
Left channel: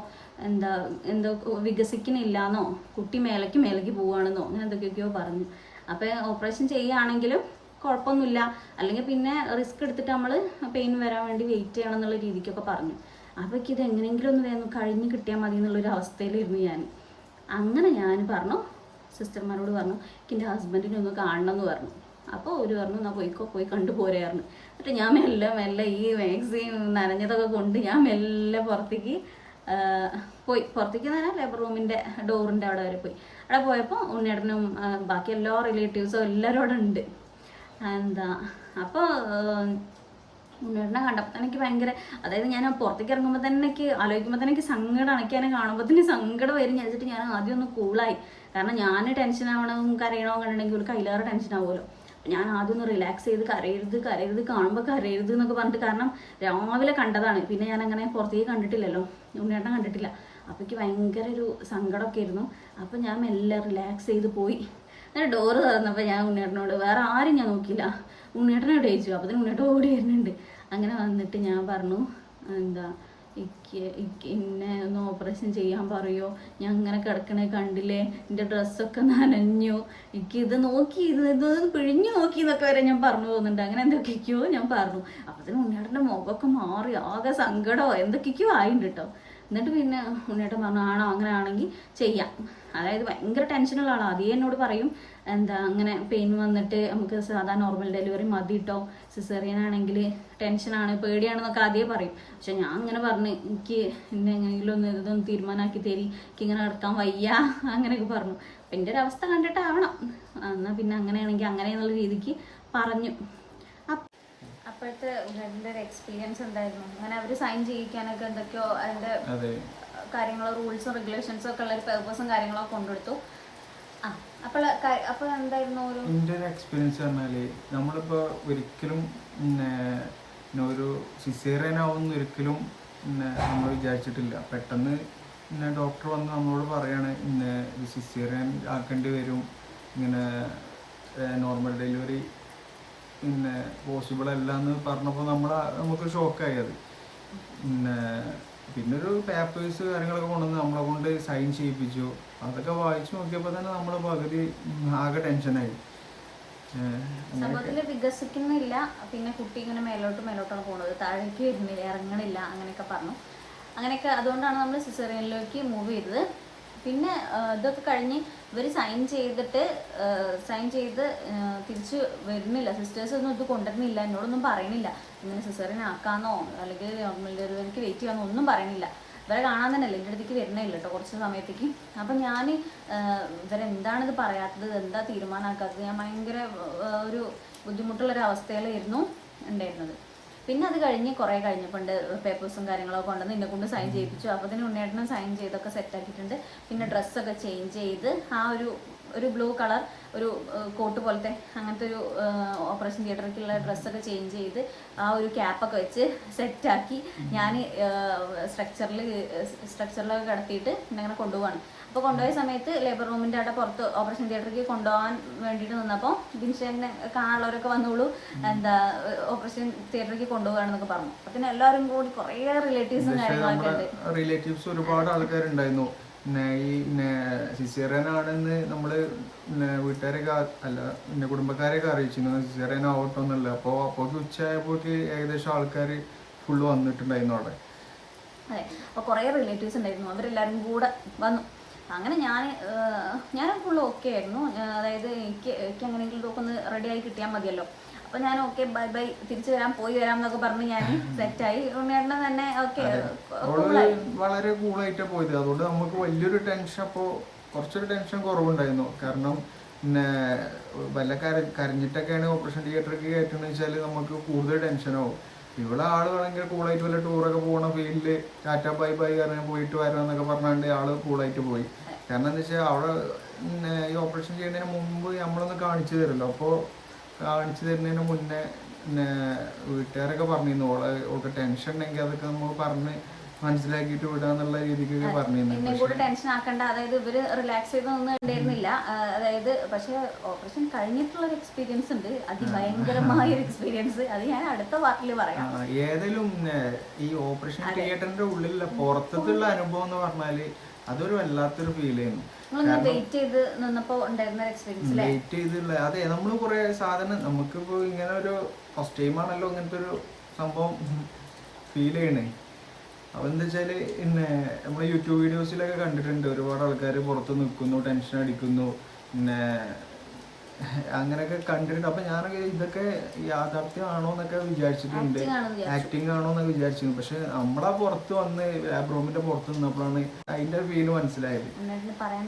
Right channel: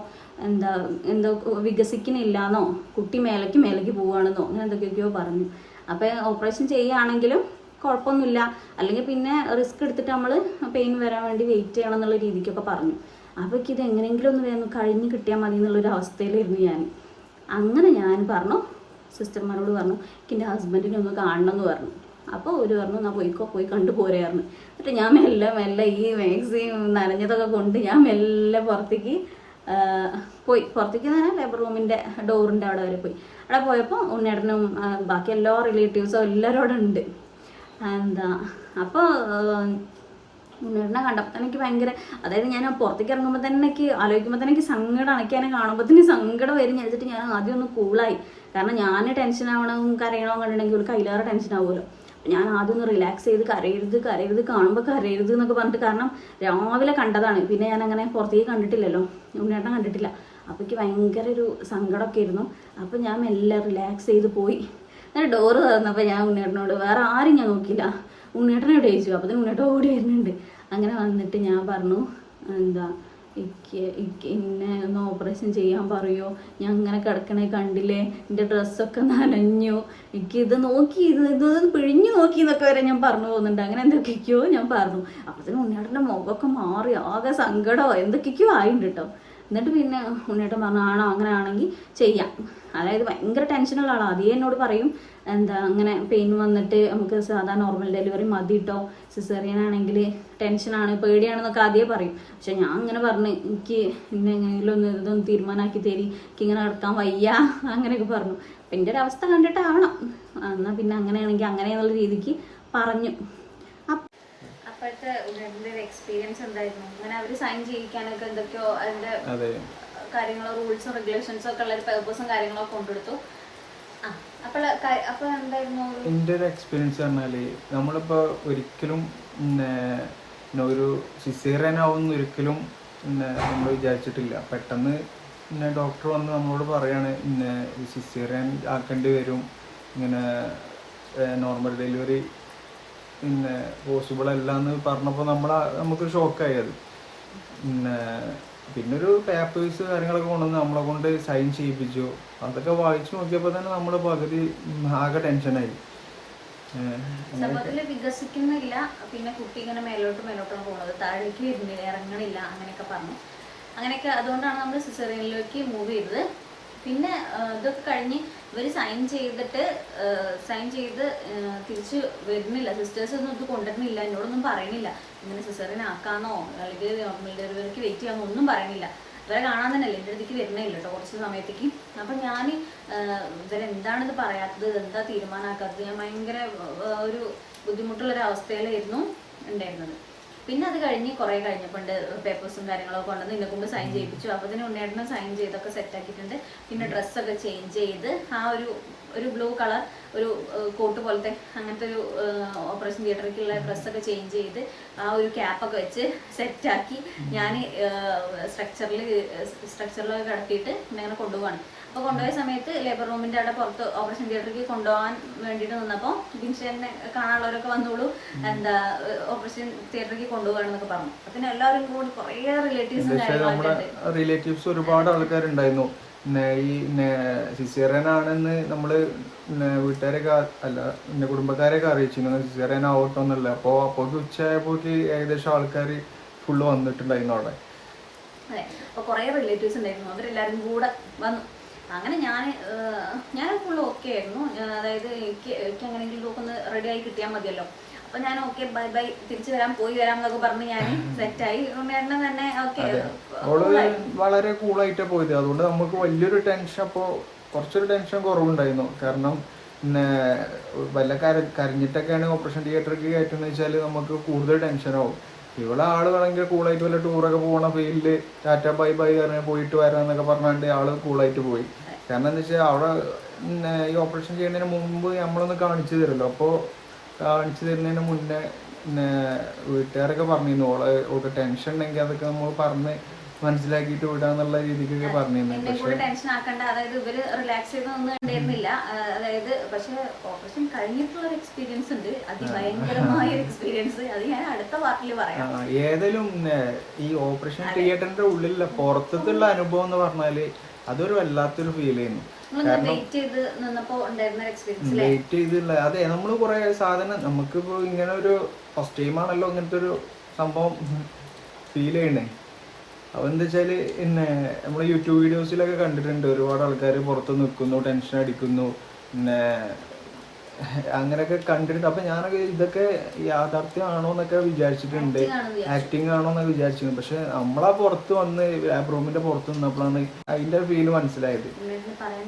എന്താ എന്തോ വികസിക്കണില്ലാന്നോ കുട്ടി മേലേക്ക് മേലേക്ക് പോവുകയാണെന്നോ അങ്ങനെ എന്തൊക്കെയൊക്കെയോ പറഞ്ഞു. അപ്പോൾ ഓപ്പറേഷൻ ചെയ്യുകയാണെങ്കിലും കുഴപ്പമൊന്നുമില്ല. അല്ലെങ്കിൽ പിന്നെ റിസ്ക് എടുത്തിട്ട് നമ്മൾ പെയിൻ വരാൻ വേണ്ടി വെയിറ്റ് ചെയ്യണം എന്നുള്ള രീതിക്കൊക്കെ പറഞ്ഞു. അപ്പോൾ ഇത് എങ്ങനെയെങ്കിലും ഒന്ന് വേണം കഴിഞ്ഞ് കിട്ടിയാൽ മതി എന്നുള്ളൊരു അവസ്ഥയിലായിരുന്നു ഞാൻ. അങ്ങനെ ഞാൻ പറഞ്ഞു സിസ്റ്റർമാരോട് പറഞ്ഞു എനിക്ക് എന്റെ ഹസ്ബൻഡിനെ ഒന്ന് കാണണം എന്ന് പറഞ്ഞു. അപ്പോൾ ഒരു പറഞ്ഞു എന്നാൽ പോയിക്കോ പോയി കണ്ടു പോരായിരുന്നു എന്നിട്ട് ഞാൻ മെല്ലെ മെല്ലെ ഈ മാക്സി നനഞ്ഞതൊക്കെ കൊണ്ട് ഞാൻ മെല്ലെ പുറത്തേക്ക് പോയി. പുറത്തേക്ക് തന്നെ ലേബർ റൂമിന്റെ ഡോറിന്റെ അവിടെ വരെ പോയി. അവിടെ പോയപ്പോൾ ഉണ്ണേടനും ബാക്കി എല്ലാ റിലേറ്റീവ്സും എല്ലാവരും അവിടെ ഉണ്ട്. എന്താ അപ്പോൾ ഉണ്ണേട്ടനെ കണ്ടപ്പോൾ തന്നെ എനിക്ക് ഭയങ്കര അതായത് ഞാൻ പുറത്തേക്ക് ഇറങ്ങുമ്പോൾ തന്നെ എനിക്ക് ആലോചിക്കുമ്പോൾ തന്നെ എനിക്ക് സങ്കടം അതിനെ കാണുമ്പോൾ തന്നെ സങ്കടം വരും. ഞാൻ ഞാൻ ആദ്യം ഒന്ന് കൂളായി കാരണം ഞാൻ ടെൻഷൻ ആവണം കരയണോ കണ്ടിട്ടുണ്ടെങ്കിൽ ഒരു കയ്യിലാറ് ടെൻഷൻ ആവുമല്ലോ. ഞാൻ ആദ്യം ഒന്ന് റിലാക്സ് ചെയ്ത് കരയരുത് കരയരുത് കാണുമ്പോൾ കരയരുത് എന്നൊക്കെ പറഞ്ഞിട്ട് കാരണം രാവിലെ കണ്ടതാണ്. പിന്നെ ഞാൻ അങ്ങനെ പുറത്തേക്ക് കണ്ടിട്ടില്ലല്ലോ. ഉണ്ണേട്ടൻ കണ്ടിട്ടില്ല. അപ്പോൾ എനിക്ക് ഭയങ്കര ഒരു സങ്കടമൊക്കെ ആയിരുന്നു അപ്പോൾ ഞാൻ മെല്ലെ റിലാക്സ് ചെയ്ത് പോയി. എന്നിട്ട് ഡോറ് തുറന്നപ്പോൾ ഞാൻ ഉണ്ണേട്ടനോട് വേറെ ആരും ഞാൻ നോക്കിയില്ല. ഉണ്ണേട്ടനോട് ചോദിച്ചു അപ്പോൾ ഉണ്ണേട്ടൻ ഓടി വരുന്നുണ്ട്. അങ്ങനെ വന്നിട്ട് ഞാൻ പറഞ്ഞു എന്താ എനിക്ക് എന്നെ ഓപ്പറേഷൻ ചെയ്യാൻ പറയുമോ ഞാൻ അങ്ങനെ കിടക്കണേ കണ്ടില്ലേ? എന്റെ ഡ്രസ്സൊക്കെ നനഞ്ഞു. എനിക്ക് ഇത് നോക്കി ഇത് ഇത് പിഴിഞ്ഞു നോക്കി എന്നൊക്കെ വരെ ഞാൻ പറഞ്ഞു പോകുന്നുണ്ട്. അങ്ങനെ എന്തൊക്കെയൊക്കെയോ ഞാൻ പറഞ്ഞു. അപ്പത്തിന് ഉണ്ണിയേട്ടന്റെ മുഖമൊക്കെ മാറി ആകെ സങ്കടമോ എന്തൊക്കെയൊക്കെയോ ആയിട്ടുണ്ട് കേട്ടോ എന്നിട്ട് പിന്നെ ഉണ്ണിയേട്ടൻ പറഞ്ഞു ആണോ? അങ്ങനെ ആണെങ്കിൽ ചെയ്യാം. അതായത് ഭയങ്കര ടെൻഷനുള്ള ആളാണ് അതേ എന്നോട് പറയും എന്താ അങ്ങനെ പെയിൻ വന്നിട്ട് നമുക്ക് സാധാ നോർമൽ ഡെലിവറി മതി കേട്ടോ സിസേറിയൻ ആണെങ്കിൽ ടെൻഷനാണ് പേടിയാണെന്നൊക്കെ ആദ്യമേ പറയും. പക്ഷെ ഞാൻ അങ്ങനെ പറഞ്ഞു എനിക്ക് എന്നെ എങ്ങനെയെങ്കിലും ഒന്ന് ഇതൊന്ന് തീരുമാനമാക്കി തരി എനിക്ക് ഇങ്ങനെ നടക്കാൻ വയ്യ അങ്ങനെയൊക്കെ പറഞ്ഞു. അപ്പം എന്റെ ഒരു അവസ്ഥ കണ്ടിട്ടാവണം. എന്നാൽ പിന്നെ അങ്ങനെയാണെങ്കിൽ അങ്ങനെ എന്നുള്ള രീതിക്ക് പറഞ്ഞു. അപ്പ- അപ്പോഴത്തെ ഇതിന്റെ ഒരു എക്സ്പീരിയൻസ് എന്തായിരുന്നു? അങ്ങനെ അവർ സൈൻ ചെയ്യിക്കാനൊക്കെ എന്തൊക്കെയോ അതിന്റെ അതെ. കാര്യങ്ങളോ റൂൾസും റെഗുലേഷൻസും ഒക്കെ ഉള്ള ഒരു പേർപ്പസും കാര്യങ്ങളൊക്കെ കൊണ്ടുകൊടുത്തു ആ അപ്പോൾ അപ്പോൾ എന്തായിരുന്നു എന്റെ ഒരു എക്സ്പീരിയൻസ് പറഞ്ഞാൽ നമ്മളിപ്പോ ഒരിക്കലും ഒരു സിസേറിയനാവുന്ന ഒരിക്കലും നമ്മൾ വിചാരിച്ചിട്ടില്ല. പെട്ടെന്ന് പിന്നെ ഡോക്ടർ വന്ന് നമ്മളോട് പറയാണ് പിന്നെ സിസേറിയൻ ആക്കേണ്ടി വരും. ഇങ്ങനെ നോർമൽ ഡെലിവറി പിന്നെ പോസിബിൾ അല്ല എന്ന് പറഞ്ഞപ്പോൾ നമ്മൾ നമുക്ക് ഷോക്കായി അത്. പിന്നെ പിന്നെ ഒരു പേപ്പേഴ്സ് കാര്യങ്ങളൊക്കെ കൊണ്ടുവന്ന് നമ്മളെ കൊണ്ട് സൈൻ ചെയ്യിപ്പിച്ചു. അതൊക്കെ വായിച്ചു നോക്കിയപ്പോൾ തന്നെ നമ്മൾ പകുതി ആകെ ടെൻഷനായി സമൂഹത്തിൽ വികസിക്കുന്നില്ല. പിന്നെ കുട്ടി ഇങ്ങനെ മേലോട്ട് മേലോട്ടാണ് പോകുന്നത് താഴേക്ക് വരുന്നില്ല ഇറങ്ങണില്ല. അങ്ങനെയൊക്കെ പറഞ്ഞു. അങ്ങനെയൊക്കെ അതുകൊണ്ടാണ് നമ്മൾ സിസേറിയനിലേക്ക് മൂവ് ചെയ്തത്. പിന്നെ ഇതൊക്കെ കഴിഞ്ഞ് ഇവർ സൈൻ ചെയ്തിട്ട് സൈൻ ചെയ്ത് തിരിച്ച് വരുന്നില്ല. സിസ്റ്റേഴ്സ് ഒന്നും ഇത് കൊണ്ടുവരുന്നില്ല. എന്നോടൊന്നും പറയുന്നില്ല. ഇങ്ങനെ സിസ്റ്ററിനെ ആക്കാന്നോ അല്ലെങ്കിൽ നോർമൽ ഡെലിവറിക്ക് വെയിറ്റ് ചെയ്യാമോ ഒന്നും പറയുന്നില്ല. ഇവരെ കാണാൻ തന്നെ എന്റെ അടുത്തേക്ക് വരുന്നില്ല കേട്ടോ കുറച്ച് സമയത്തേക്ക്. അപ്പം ഞാൻ ഇവരെന്താണിത് പറയാത്തത്? എന്താ തീരുമാനമാക്കാത്തത്? ഞാൻ ഭയങ്കര ഒരു ബുദ്ധിമുട്ടുള്ളൊരു അവസ്ഥയിലായിരുന്നു ഉണ്ടായിരുന്നത്. പിന്നെ അത് കഴിഞ്ഞ് കുറേ കഴിഞ്ഞപ്പോണ്ട് പേപ്പേഴ്സും കാര്യങ്ങളൊക്കെ കൊണ്ടുവന്ന് എന്നെ കൊണ്ട് സൈൻ ചെയ്യിപ്പിച്ചു. അപ്പോൾ തന്നെ ഉണ്ണേട്ടനും സൈൻ ചെയ്തൊക്കെ സെറ്റ് ആക്കിയിട്ടുണ്ട്. പിന്നെ ഡ്രസ്സൊക്കെ ചേഞ്ച് ചെയ്ത് ആ ഒരു ഒരു ബ്ലൂ കളർ ഒരു കോട്ട് പോലത്തെ അങ്ങനത്തെ ഒരു ഓപ്പറേഷൻ തിയേറ്ററിലേക്കുള്ള ഡ്രസ്സൊക്കെ ചേഞ്ച് ചെയ്ത് ആ ഒരു ക്യാപ്പൊക്കെ വെച്ച് സെറ്റാക്കി ഞാൻ സ്ട്രക്ചറിൽ സ്ട്രക്ചറിലൊക്കെ കിടത്തിയിട്ട് ഇങ്ങനെ കൊണ്ടുപോകണം കൊണ്ടുപോവാണ്. അപ്പോൾ കൊണ്ടുപോയ സമയത്ത് ലേബർ റൂമിന്റെ അവിടെ പുറത്ത് ഓപ്പറേഷൻ തിയേറ്ററിലേക്ക് കൊണ്ടുപോകാൻ വേണ്ടിയിട്ട് നിന്നപ്പോൾ ബിൻഷേനെ കാണാനുള്ളവരൊക്കെ വന്നോളൂ. എന്താ ഓപ്പറേഷൻ തിയേറ്ററിലേക്ക് കൊണ്ടുപോകാണെന്നൊക്കെ പറഞ്ഞു. അപ്പം പിന്നെ എല്ലാവരും കൂടി കുറേ റിലേറ്റീവ്സും നമ്മുടെ റിലേറ്റീവ്സ് ഒരുപാട് ആൾക്കാരുണ്ടായിരുന്നു. ഈ സിസേറിയൻ ആണെന്ന് നമ്മൾ വീട്ടുകാരൊക്കെ അല്ല പിന്നെ കുടുംബക്കാരെയൊക്കെ അറിയിച്ചിരുന്നു. സിസേറിയൻ ആവട്ടോ എന്നല്ല അപ്പോൾ അപ്പോഴേക്ക് ഉച്ചയായപ്പോക്ക് ഏകദേശം ആൾക്കാർ ഫുള്ള് വന്നിട്ടുണ്ടായിരുന്നു അവിടെ. അതെ അപ്പോൾ കുറേ റിലേറ്റീവ്സ് ഉണ്ടായിരുന്നു. അവരെല്ലാവരും കൂടെ വന്നു. അങ്ങനെ ഞാൻ ഞാൻ ഫുള്ള് ഓക്കെ ആയിരുന്നു. അതായത് എനിക്ക് എനിക്ക് അങ്ങനെയെങ്കിലും ഇതൊക്കെ ഒന്ന് റെഡി ആയി കിട്ടിയാൽ മതിയല്ലോ. അപ്പോൾ ഞാൻ ഓക്കെ ബൈ ബൈ തിരിച്ചു വരാം പോയി വരാം എന്നൊക്കെ പറഞ്ഞ് ഞാൻ സെറ്റായി ഉണ്ണേട്ടനെ തന്നെ ഓക്കെ വളരെ കൂളായിട്ടാണ് പോയത്. അതുകൊണ്ട് നമുക്ക് വലിയൊരു ടെൻഷൻ അപ്പോൾ കുറച്ചൊരു ടെൻഷൻ കുറവുണ്ടായിരുന്നു. കാരണം പിന്നെ വല്ല കര കരഞ്ഞിട്ടൊക്കെയാണ് ഓപ്പറേഷൻ തിയേറ്ററിലേക്ക് കയറ്റുന്നത് വെച്ചാൽ നമുക്ക് കൂടുതൽ ടെൻഷനാവും ഇവിടെ ആൾ വേണമെങ്കിൽ കൂളായിട്ട് വല്ല ടൂറൊക്കെ പോകണ ഫീൽഡിൽ ടാറ്റ ബൈ ബൈ പറഞ്ഞ് പോയിട്ട് വരാം എന്നൊക്കെ പറഞ്ഞാണ്ട് ആൾ കൂളായിട്ട് പോയി. കാരണം എന്താ വെച്ചാൽ അവിടെ പിന്നെ ഈ ഓപ്പറേഷൻ ചെയ്യുന്നതിന് മുമ്പ് നമ്മളൊന്ന് കാണിച്ചു തരുമല്ലോ അപ്പോൾ കാണിച്ചു തരുന്നതിന് മുന്നേ പിന്നെ വീട്ടുകാരൊക്കെ പറഞ്ഞിരുന്നു ഓളെ ഓൾക്ക് ടെൻഷൻ ഉണ്ടെങ്കിൽ അതൊക്കെ നമ്മൾ പറഞ്ഞ് മനസ്സിലാക്കിയിട്ട് വിടാന്നുള്ള രീതിക്കൊക്കെ പറഞ്ഞിരുന്നു. ടെൻഷൻ ആക്കണ്ട. അതായത് ഇവർ റിലാക്സ് ചെയ്ത് ഉണ്ടായിരുന്നില്ല അതായത് പക്ഷെ ഓപ്പറേഷൻ കഴിഞ്ഞിട്ടുള്ള ഒരു എക്സ്പീരിയൻസ് ഉണ്ട്. അതിഭയങ്കരമായ ഒരു എക്സ്പീരിയൻസ് അത് ഞാൻ അടുത്ത പാർട്ടിൽ പറയാം. ഏതായാലും ഈ ഓപ്പറേഷൻ തിയേറ്ററിന്റെ ഉള്ളിലുള്ള പുറത്തുള്ള അനുഭവം എന്ന് പറഞ്ഞാൽ അതൊരു വല്ലാത്തൊരു ഫീൽ ചെയ്യുന്നു വെയിറ്റ് ചെയ്ത് നിന്നപ്പോ ഉണ്ടായിരുന്ന ഒരു എക്സ്പീരിയൻസ് വെയിറ്റ് ചെയ്തില്ല. അതെ നമ്മൾ കുറെ സാധനം നമുക്കിപ്പോ ഇങ്ങനെ ഒരു ഫസ്റ്റ് ടൈം ആണല്ലോ ഇങ്ങനത്തെ ഒരു സംഭവം ഫീൽ ചെയ്യണേ. അപ്പൊ എന്താ വെച്ചാൽ പിന്നെ നമ്മൾ യൂട്യൂബ് വീഡിയോസിലൊക്കെ കണ്ടിട്ടുണ്ട്. ഒരുപാട് ആൾക്കാർ പുറത്ത് നിൽക്കുന്നു ടെൻഷൻ അടിക്കുന്നു. പിന്നെ അങ്ങനെയൊക്കെ കണ്ടിട്ടുണ്ട്. അപ്പൊ ഞാനൊക്കെ ഇതൊക്കെ യാഥാർത്ഥ്യമാണോ എന്നൊക്കെ വിചാരിച്ചിട്ടുണ്ട്. ആക്ടിങ് ആണോ എന്നൊക്കെ വിചാരിച്ചിരുന്നു. പക്ഷെ നമ്മളാ പുറത്ത് വന്ന് ലാബ് റൂമിന്റെ പുറത്ത് നിന്നപ്പോഴാണ് അതിന്റെ ഫീൽ മനസ്സിലായത്.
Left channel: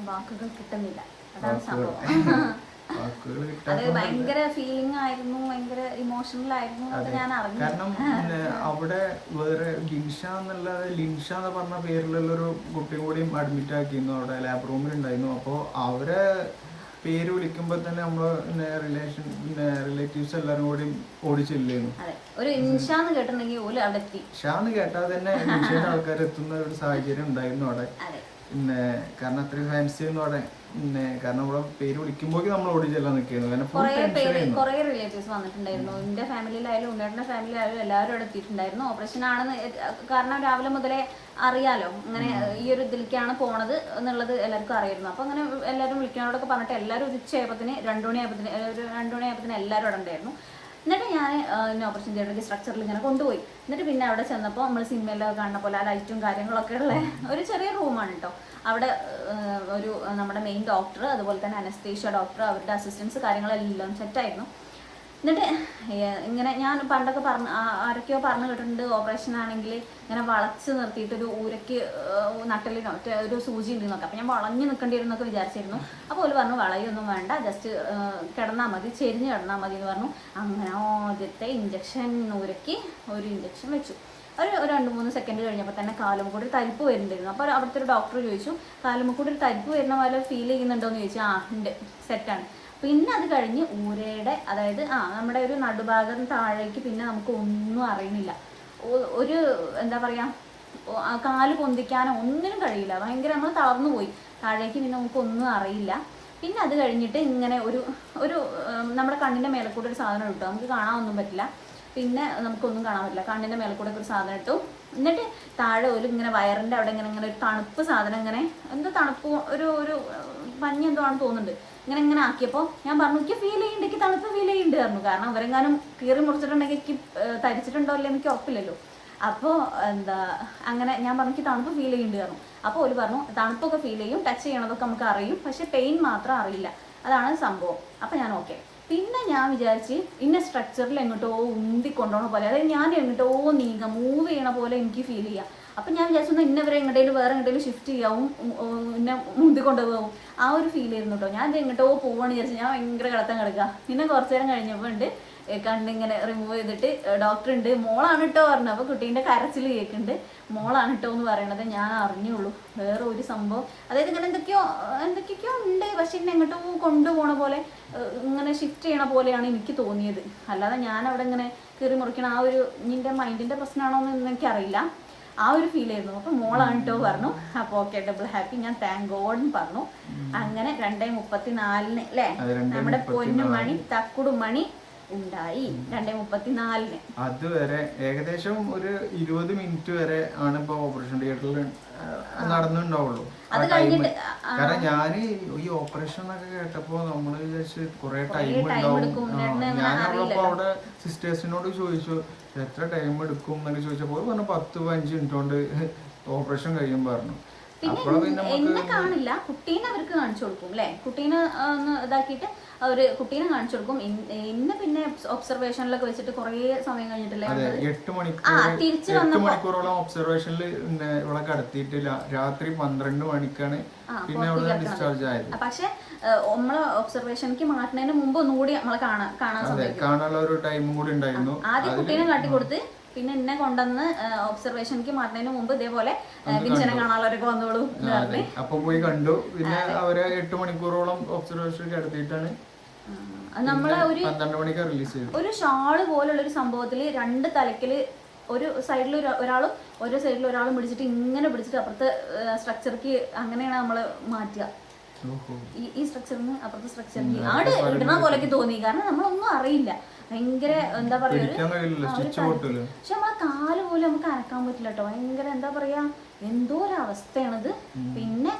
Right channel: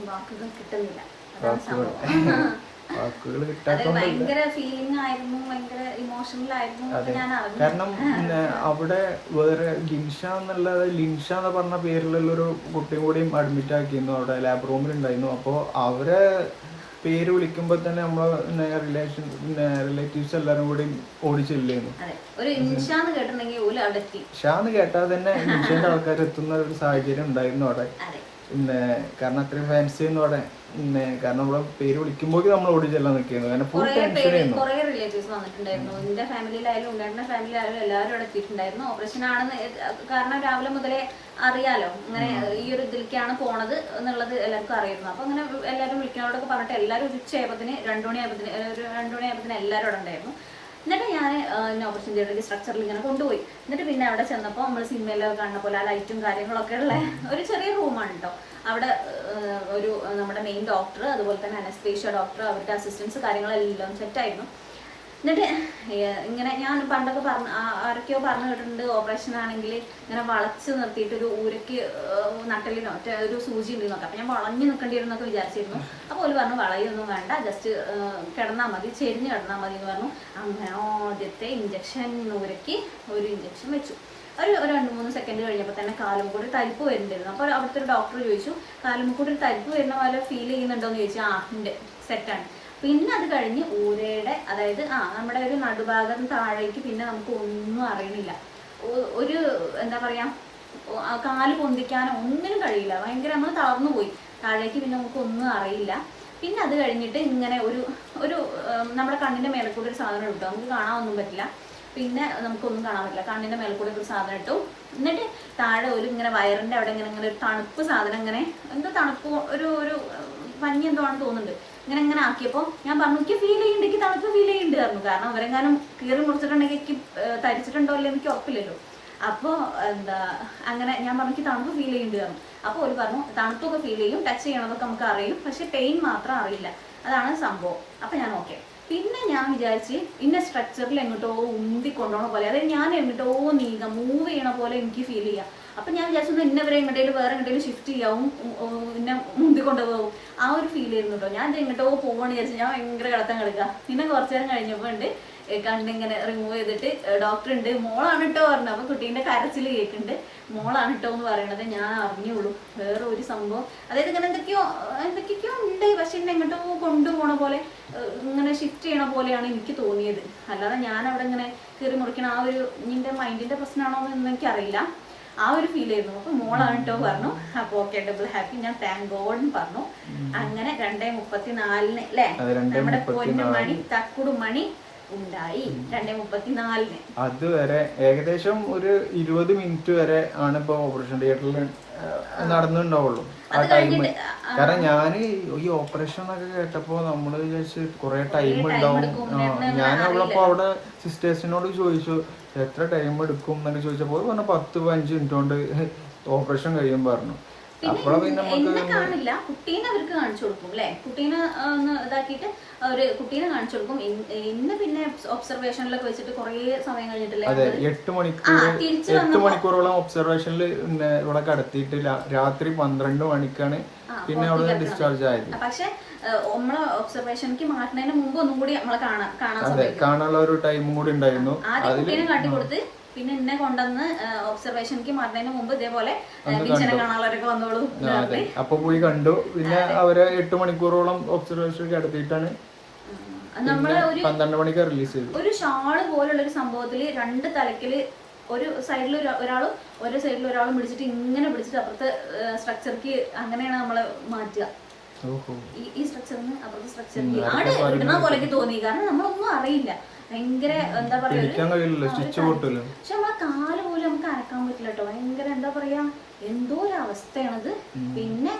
വാക്കുകൾ [LAUGHS] വാക്കുകൾ ഫീലിംഗ് ആയിരുന്നു ഭയങ്കര ഇമോഷണൽ ആയിരുന്നു കാരണം [LAUGHS] പിന്നെ അവിടെ വേറെ ലിൻഷ എന്നുള്ളത് ലിൻഷ എന്ന് പറഞ്ഞ പേരിലുള്ള ഒരു കുട്ടിയും കൂടിയും അഡ്മിറ്റ് ആക്കിയിരുന്നു അവിടെ ലാബ് റൂമിൽ ഉണ്ടായിരുന്നു. അപ്പോൾ അവരെ പേര് വിളിക്കുമ്പോൾ തന്നെ നമ്മൾ റിലേഷൻ റിലേറ്റീവ്സ് എല്ലാരും കൂടി ഓടിച്ചില്ലായിരുന്നു ഷാന്ന് കേട്ടാൽ തന്നെ ലിൻഷയുടെ ആൾക്കാർ എത്തുന്ന ഒരു സാഹചര്യം ഉണ്ടായിരുന്നു അവിടെ. പിന്നെ കാരണം അത്രയും ഫാൻസി അവിടെ. പിന്നെ കാരണം നമ്മളെ പേര് വിളിക്കുമ്പോൾ നമ്മൾ ഓടി ചെല്ലാൻ നിൽക്കുന്നു. കാരണം ഫുൾ ടെൻഷനായിരുന്നു ടെൻഷൻ ആയിരുന്നു. കുറെ റിലേറ്റീവ്സ് വന്നിട്ടുണ്ടായിരുന്നു. എന്റെ ഫാമിലിയിലായാലും ഉണ്ടായിരുന്ന ഫാമിലിയിലായാലും എല്ലാവരും അവിടെ എത്തിയിട്ടുണ്ടായിരുന്നു. ഓപ്പറേഷൻ ആണെന്ന് കാരണം രാവിലെ മുതലേ അറിയാലോ. അങ്ങനെ ഈ ഒരു ഇതിലേക്കാണ് പോണത് എന്നുള്ളത് എല്ലാവർക്കും അറിയുന്നു അപ്പൊ അങ്ങനെ എല്ലാവരും വിളിക്കുന്നവരോടൊക്കെ പറഞ്ഞിട്ട് എല്ലാവരും ഒരു ഉച്ചയായപ്പത്തിന് രണ്ടു മണിയായപ്പത്തിന് ഒരു രണ്ടു മണിയായപ്പത്തിന് എല്ലാവരും അവിടെ ഉണ്ടായിരുന്നു. എന്നിട്ട് ഞാൻ തിയേറ്ററിൽ സ്ട്രക്ചറിൽ ഇങ്ങനെ കൊണ്ടുപോയി. എന്നിട്ട് പിന്നെ അവിടെ ചെന്നപ്പോൾ നമ്മൾ സിനിമയിലൊക്കെ കാണുന്ന പോലെ ആ ലൈറ്റും കാര്യങ്ങളൊക്കെ ഉള്ള ഒരു ചെറിയ റൂമാണ് കേട്ടോ അവിടെ ഒരു നമ്മുടെ മെയിൻ ഡോക്ടർ അതുപോലെ തന്നെ അനസ്തേഷ്യ ഡോക്ടർ അവരുടെ അസിസ്റ്റൻസ് കാര്യങ്ങളെല്ലാം സെറ്റായിരുന്നു എന്നിട്ട് ഇങ്ങനെ ഞാൻ പണ്ടൊക്കെ പറഞ്ഞ ആരൊക്കെയോ പറഞ്ഞു കേട്ടിട്ടുണ്ട് ഓപ്പറേഷൻ ആണെങ്കിൽ ഇങ്ങനെ വളച്ച് നിർത്തിയിട്ട് ഒരു ഊരയ്ക്ക് നട്ടലിനോ ഒരു സൂചി ഉണ്ട് നോക്കാം അപ്പം ഞാൻ വളഞ്ഞു നിൽക്കേണ്ടി വരും എന്നൊക്കെ വിചാരിച്ചിരുന്നു. അപ്പോൾ ഒരു പറഞ്ഞു വളയൊന്നും വേണ്ട ജസ്റ്റ് കിടന്നാൽ മതി ചെരിഞ്ഞ് കിടന്നാൽ മതി എന്ന് പറഞ്ഞു. അങ്ങനെ ആദ്യത്തെ ഇഞ്ചക്ഷൻ ഊരയ്ക്ക് ഒരു ഇഞ്ചക്ഷൻ വെച്ചു. ഒരു രണ്ട് മൂന്ന് സെക്കൻഡ് കഴിഞ്ഞപ്പോൾ തന്നെ കാലും കൂടി തരിപ്പ് വരുന്നുണ്ടായിരുന്നു. അപ്പോൾ അവിടുത്തെ ഒരു ഡോക്ടർ ചോദിച്ചു കാലും കൂടി ഒരു തരിപ്പ് വരുന്ന പോലെ ഫീൽ ചെയ്യുന്നുണ്ടോ എന്ന് ചോദിച്ചു. ആ ഉണ്ട്. സെറ്റാണ് പിന്നെ അത് കഴിഞ്ഞ് ഊരയുടെ അതായത് ആ നമ്മുടെ ഒരു നടുഭാഗം താഴേക്ക് പിന്നെ നമുക്ക് ഒന്നും അറിയുന്നില്ല ഒരു എന്താ പറയാ കാൽ പൊന്തിക്കാനോ ഒന്നിനും കഴിയില്ല. ഭയങ്കര നമ്മൾ തളർന്നു പോയി താഴേക്ക് പിന്നെ നമുക്ക് ഒന്നും അറിയില്ല. പിന്നെ അത് കഴിഞ്ഞിട്ട് ഇങ്ങനെ ഒരു ഒരു നമ്മുടെ കണ്ണിന്റെ മേലെ കൂടെ ഒരു സാധനം ഇട്ടു. നമുക്ക് കാണാനൊന്നും പറ്റില്ല. പിന്നെ നമുക്കൊന്നും കാണാൻ പറ്റില്ല. കണ്ണിന്റെ മേലെ കൂടെ ഒരു സാധനം ഇട്ടു. എന്നിട്ട് താഴെ ഒരു ഇങ്ങനെ വയറിന്റെ അവിടെ ഇങ്ങനെ ഇങ്ങനെ ഒരു തണുപ്പ് സാധനം ഇങ്ങനെ എന്തോ തണുപ്പ് ഒരു ഒരു പഞ്ഞി എന്തോ ആണ് തോന്നുന്നുണ്ട്. ഇങ്ങനെ ഇങ്ങനെ ആക്കിയപ്പോൾ ഞാൻ പറഞ്ഞു എനിക്ക് ഫീൽ ചെയ്യുന്നുണ്ട് എനിക്ക് തണുപ്പ് ഫീൽ ചെയ്യുന്നുണ്ട് പറഞ്ഞു. കാരണം അവരെങ്ങാനും കീറി മുറിച്ചിട്ടുണ്ടെങ്കിൽ എനിക്ക് തരിച്ചിട്ടുണ്ടോ ഇല്ല എനിക്ക് ഉറപ്പില്ലല്ലോ. അപ്പോൾ എന്താ അങ്ങനെ ഞാൻ പറഞ്ഞു എനിക്ക് തണുപ്പ് ഫീൽ ചെയ്യുന്നുണ്ട് പറഞ്ഞു. അപ്പോൾ ഒരു പറഞ്ഞു തണുപ്പൊക്കെ ഫീൽ ചെയ്യും ടച്ച് ചെയ്യണതൊക്കെ നമുക്ക് അറിയും പക്ഷെ പെയിൻ മാത്രം അറിയില്ല. അതാണ് സംഭവം. അപ്പോൾ ഞാൻ ഓക്കെ. പിന്നെ ഞാൻ വിചാരിച്ച് ഇന്ന സ്ട്രക്ചറിൽ എങ്ങോട്ടോ ഉന്തി കൊണ്ടോണ പോലെ അതായത് ഞാൻ എങ്ങോട്ടോ നീങ്ങാം മൂവ് ചെയ്യണ പോലെ എനിക്ക് ഫീൽ ചെയ്യാം. അപ്പൊ ഞാൻ വിചാരിച്ചു ഇന്നവരെ എങ്ങോട്ടേലും വേറെ എങ്ങോട്ടേലും ഷിഫ്റ്റ് ചെയ്യാവും പിന്നെ മുന്തി കൊണ്ടുപോകും ആ ഒരു ഫീൽ ആയിരുന്നു കേട്ടോ ഞാൻ എങ്ങോട്ടോ പോവാണ് വിചാരിച്ചു ഞാൻ ഭയങ്കര കിടത്താൻ കിടക്കുക പിന്നെ കുറച്ചു നേരം കഴിഞ്ഞപ്പോൾ ഉണ്ട് കണ്ടിങ്ങനെ റിമൂവ് ചെയ്തിട്ട് ഡോക്ടർ ഉണ്ട് മോളാണ് കേട്ടോ പറഞ്ഞു അപ്പൊ കുട്ടീന്റെ കരച്ചിൽ കേൾക്കുന്നുണ്ട് മോളാണ് കേട്ടോ എന്ന് പറയണത് ഞാൻ അറിഞ്ഞുള്ളൂ. വേറെ ഒരു സംഭവം. അതായത് ഇങ്ങനെ എന്തൊക്കെയോ എന്തൊക്കെയോ ഉണ്ട്. പക്ഷെ എന്നെ എങ്ങോട്ടോ കൊണ്ടുപോണ പോലെ ഇങ്ങനെ ഷിഫ്റ്റ് ചെയ്യണ പോലെയാണ് എനിക്ക് തോന്നിയത്. അല്ലാതെ ഞാൻ അവിടെ ഇങ്ങനെ കീറി മുറിക്കണ ആ ഒരു നിന്റെ മൈൻഡിന്റെ പ്രശ്നമാണോ എന്ന് എനിക്കറിയില്ല. ആ ഒരു ഫീൽ ആയിരുന്നു. അപ്പൊ മോളാണ് കേട്ടോ പറഞ്ഞു. അപ്പൊ ഓക്കെ ഡബിൾ ഹാപ്പി ഞാൻ താങ്ക് ഗോഡ് പറഞ്ഞു. അങ്ങനെ രണ്ടേ മുപ്പത്തിനാലിന് അല്ലേ നമ്മുടെ. പൊന്നുമണി തക്കുടു മണി ഉണ്ടായി. രണ്ടേ മുപ്പത്തിനാലിന്. അതുവരെ ഏകദേശം ഒരു ഇരുപത് മിനിറ്റ് വരെ ആണ് ഇപ്പൊ ഓപ്പറേഷൻ തിയേറ്ററിൽ നടന്നുണ്ടാവുള്ളൂ ആ ടൈം കാരണം ഞാൻ ഈ ഓപ്പറേഷൻ എന്നൊക്കെ കേട്ടപ്പോ നമ്മൾ വിചാരിച്ച് കുറെ ടൈം ഉണ്ടാവും. ഞാൻ. അവളപ്പോ അവിടെ സിസ്റ്റേഴ്സിനോട് ചോദിച്ചു എത്ര ടൈം എടുക്കും എന്നൊക്കെ ചോദിച്ചപ്പോൾ പറഞ്ഞു പത്ത് പതിനഞ്ച് മിനിറ്റ് കൊണ്ട് ഓപ്പറേഷൻ കഴിയും പറഞ്ഞു. പിന്നെ നമുക്ക് കാണില്ല. കുട്ടീനെ അവർക്ക് കാണിച്ചു കൊടുക്കും അല്ലെ? കുട്ടീനെ ഒന്ന് ഇതാക്കിയിട്ട് അവർ കുട്ടീനെ കാണിച്ചു കൊടുക്കും. ഇന്ന് പിന്നെ ഒബ്സർവേഷനിലൊക്കെ വെച്ചിട്ട് കുറേ സമയം കഴിഞ്ഞിട്ടല്ലേ അതെ എട്ട് മണിക്കൂർ മണിക്കൂറോളം ഒബ്സർവേഷനിൽ ഇവിടെ കടത്തിയിട്ട് രാത്രി പന്ത്രണ്ട് മണിക്കാണ് പിന്നെ അവിടെ ഡിസ്ചാർജ് ആയത്. പക്ഷെ നമ്മളെ ഒബ്സർവേഷനിക്ക് മാറ്റുന്നതിന് മുമ്പ് ഒന്നും കൂടി നമ്മളെ കാണാൻ കാണാനുള്ള ഒരു ടൈമും കൂടി ഉണ്ടായിരുന്നു. ആദ്യം കുട്ടീനെ കാട്ടി കൊടുത്ത് പിന്നെ എന്നെ കൊണ്ടുവന്ന് ഒബ്സർവേഷനിക്ക് മാറുന്നതിന് മുമ്പ് ഇതേപോലെ കാണാനുള്ളവരൊക്കെ വന്നോളൂ അപ്പൊ പോയി കണ്ടു. പിന്നെ അവരെ എട്ട് മണിക്കൂറോളം ഒബ്സർവേഷൻ കിടത്തിയിട്ടാണ് നമ്മളെ ഒരു പന്ത്രണ്ട് മണിക്ക് റിലീസ് ചെയ്തു ഒരു ഷാൾ പോലുള്ള ഒരു സംഭവത്തിൽ രണ്ട് തലക്കിൽ ഒരു സൈഡിൽ ഒരാളും ഒരു സൈഡിൽ ഒരാളും പിടിച്ചിട്ട് ഇങ്ങനെ പിടിച്ചിട്ട് അപ്പുറത്തെ സ്ട്രക്ചർക്ക് അങ്ങനെയാണ് നമ്മൾ മാറ്റുക. ഈ ഈ സ്ട്രക്ചറിന് അപ്പുറത്തെ സ്ട്രക്ചറിന് ആട് ഇടുന്ന പോലെയൊക്കെ തോന്നി. കാരണം നമ്മളൊന്നും അറിയില്ല. ഭയങ്കര എന്താ പറയാ പക്ഷെ നമ്മളെ കാൽ പോലും നമുക്ക് അനക്കാൻ പറ്റില്ല കേട്ടോ. ഭയങ്കര എന്താ പറയാ എന്തോ ഒരു അവസ്ഥയാണത്. പിന്നെ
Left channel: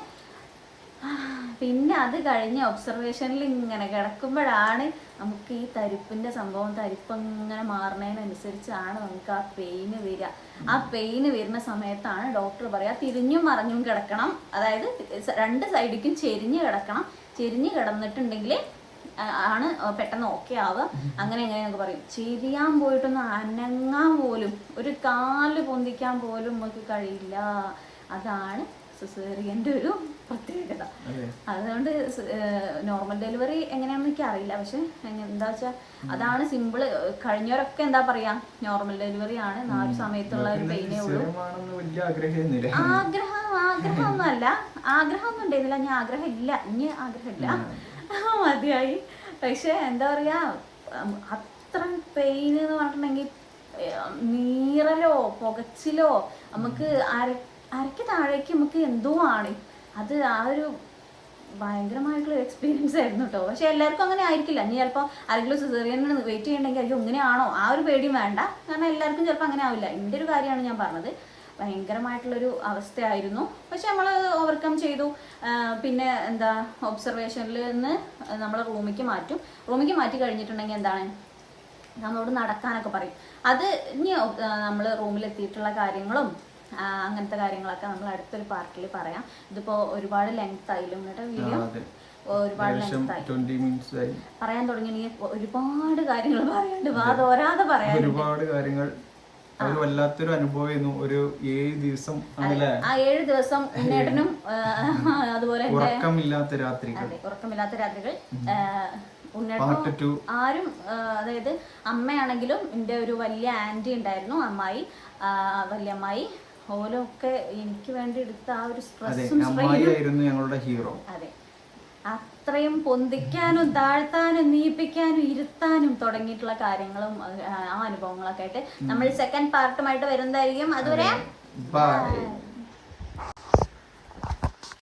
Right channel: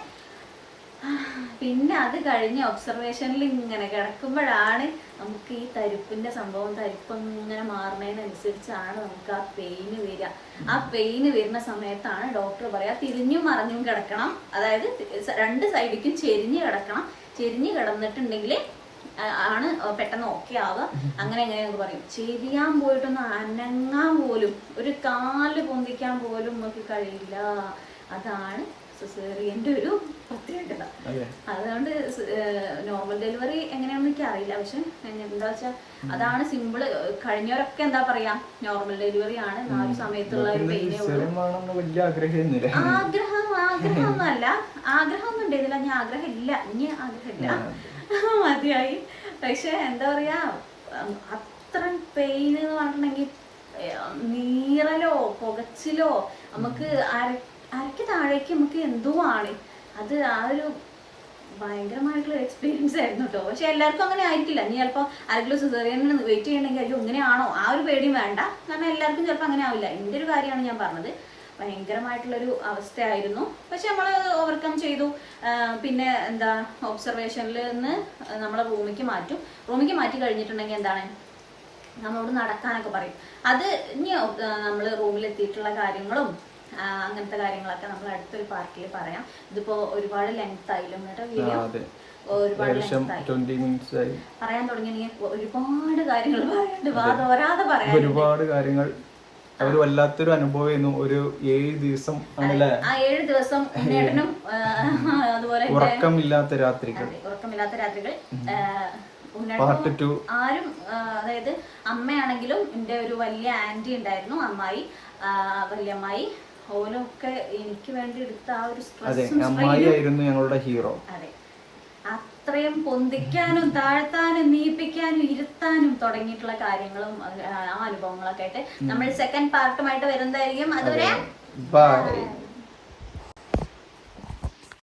പിന്നെ അത് കഴിഞ്ഞ് ഒബ്സർവേഷനിൽ ഇങ്ങനെ കിടക്കുമ്പോഴാണ് നമുക്ക് ഈ തരിപ്പിന്റെ സംഭവം തരിപ്പ് ഇങ്ങനെ മാറുന്നതിനനുസരിച്ചാണ് നമുക്ക് ആ പെയിന് വരിക. ആ പെയിന് വരുന്ന സമയത്താണ് ഡോക്ടർ പറയാ തിരിഞ്ഞും മറിഞ്ഞും കിടക്കണം. അതായത് രണ്ട് സൈഡിക്കും ചെരിഞ്ഞ് കിടക്കണം. ചെരിഞ്ഞ് കിടന്നിട്ടുണ്ടെങ്കിൽ ആണ് പെട്ടെന്ന് ഓക്കെ ആവുക. അങ്ങനെ എങ്ങനെ നമുക്ക് പറയും. ചിരിയാൻ പോയിട്ടൊന്ന് അനങ്ങാൻ പോലും ഒരു കാൽ പൊന്തിക്കാൻ പോലും നമുക്ക് കഴിയില്ല. അതാണ് സിസേറിയന്റെ ഒരു പ്രത്യേകത. അതുകൊണ്ട് നോർമൽ ഡെലിവറി എങ്ങനെയാണെന്ന് എനിക്ക് അറിയില്ല പക്ഷെ എന്താ വെച്ചാൽ അതാണ് സിമ്പിൾ കഴിഞ്ഞവരൊക്കെ എന്താ പറയാ നോർമൽ ഡെലിവറി ആണ്. നാല് സമയത്തുള്ള ഒരു പെയിനേ ഉള്ളൂ. ആഗ്രഹം വേണമെന്ന് വലിയ ആഗ്രഹമൊന്നുമില്ല. ആഗ്രഹം ഒന്നും ആഗ്രഹമൊന്നും ഉണ്ടായിരുന്നില്ല. ഞാൻ ആഗ്രഹം ഇല്ല ഇനി ആഗ്രഹമില്ല. [LAUGHS] മതിയായി. പക്ഷെ എന്താ പറയാ അത്ര പെയിൻ എന്ന് പറഞ്ഞിട്ടുണ്ടെങ്കിൽ നീറലോ പുകച്ചിലോ നമുക്ക് അര അരയ്ക്ക് താഴേക്ക് നമുക്ക് എന്തോ ആണ്. അത് ആ ഒരു ഭയങ്കരമായിട്ടുള്ള എക്സ്പീരിയൻസ് ആയിരുന്നു കേട്ടോ പക്ഷെ എല്ലാവർക്കും അങ്ങനെ ആയിരിക്കില്ല. ഇനി ചിലപ്പോൾ ആരെങ്കിലും സിസേറിയന് വെയിറ്റ് ചെയ്യണമെങ്കിൽ അയ്യോ ഇങ്ങനെയാണോ? ആ ഒരു പേടിയും വേണ്ട. കാരണം എല്ലാവർക്കും ചിലപ്പോൾ അങ്ങനെ ആവില്ല. എന്റെ ഒരു കാര്യമാണ് ഞാൻ പറഞ്ഞത്. ഭയങ്കരമായിട്ടുള്ളൊരു അവസ്ഥയായിരുന്നു. പക്ഷെ നമ്മൾ ഓവർകം ചെയ്തു. പിന്നെ എന്താ ഒബ്സർവേഷനിൽ നിന്ന് നമ്മളെ റൂമിലേക്ക് മാറ്റും. റൂമിലേക്ക് മാറ്റി കഴിഞ്ഞിട്ടുണ്ടെങ്കിൽ എന്താണ്? നമ്മളോട് നടക്കാനൊക്കെ പറയും. അത് ഇനി നമ്മൾ റൂമിലെത്തിയിട്ടുള്ള കാര്യങ്ങളും അങ്ങനത്തെ കാര്യങ്ങളൊക്കെ നമ്മൾ അടുത്തൊരു പാർട്ടിയിൽ പറയാം. ഇതിപ്പോ ഒരുപാട് ലെങ്ത് ആയില്ലോ വീഡിയോ ഒരുപാട് ലെങ്ത് ആയി. പറയാൻ തുടങ്ങിയിട്ടുണ്ടെങ്കിൽ ഒരുപാട് കാര്യങ്ങൾ പറയാനുണ്ട്. വാ തോരാതെ പറയാൻ ഒരുപാട് കാര്യങ്ങൾ അവർ വല്ലാത്തൊരു അനുഭവമായിരുന്നു ഒരു ഏഴ് ദിവസം ആണല്ലേ? ആ ഏഴ് ദിവസം ഉണ്ണേട്ടനും അതുപോലെ ഉറക്കമില്ലാത്ത രാത്രികൾ. ഉറക്കമില്ലാത്ത രാത്രികൾ. ഉണ്ണേട്ടനും ആരും അതായത് അമ്മയാണെങ്കിലും എന്റെ ഒരു വലിയ ആന്റി ഉണ്ടായിരുന്നു അമ്മായി. വല്യമ്മായി. ഓലൊക്കെ എനിക്ക് വേണ്ടി എടുത്ത ആ ഒരു അതെ അമ്മായി ആയിരുന്നു ഞങ്ങളുടെ ഹീറോ. അതെ. അത്രയും പൊന്തിക്കാനും താഴ്ത്താനും നീപ്പിക്കാനും ഇരുത്താനും തുടങ്ങിയിട്ടുള്ള കാര്യങ്ങളും ആ, അനുഭവങ്ങളൊക്കെ ആയിട്ട് നമ്മൾ സെക്കൻഡ് പാർട്ടുമായിട്ട് വരുന്നതായിരിക്കും. അതുവരെ ബൈ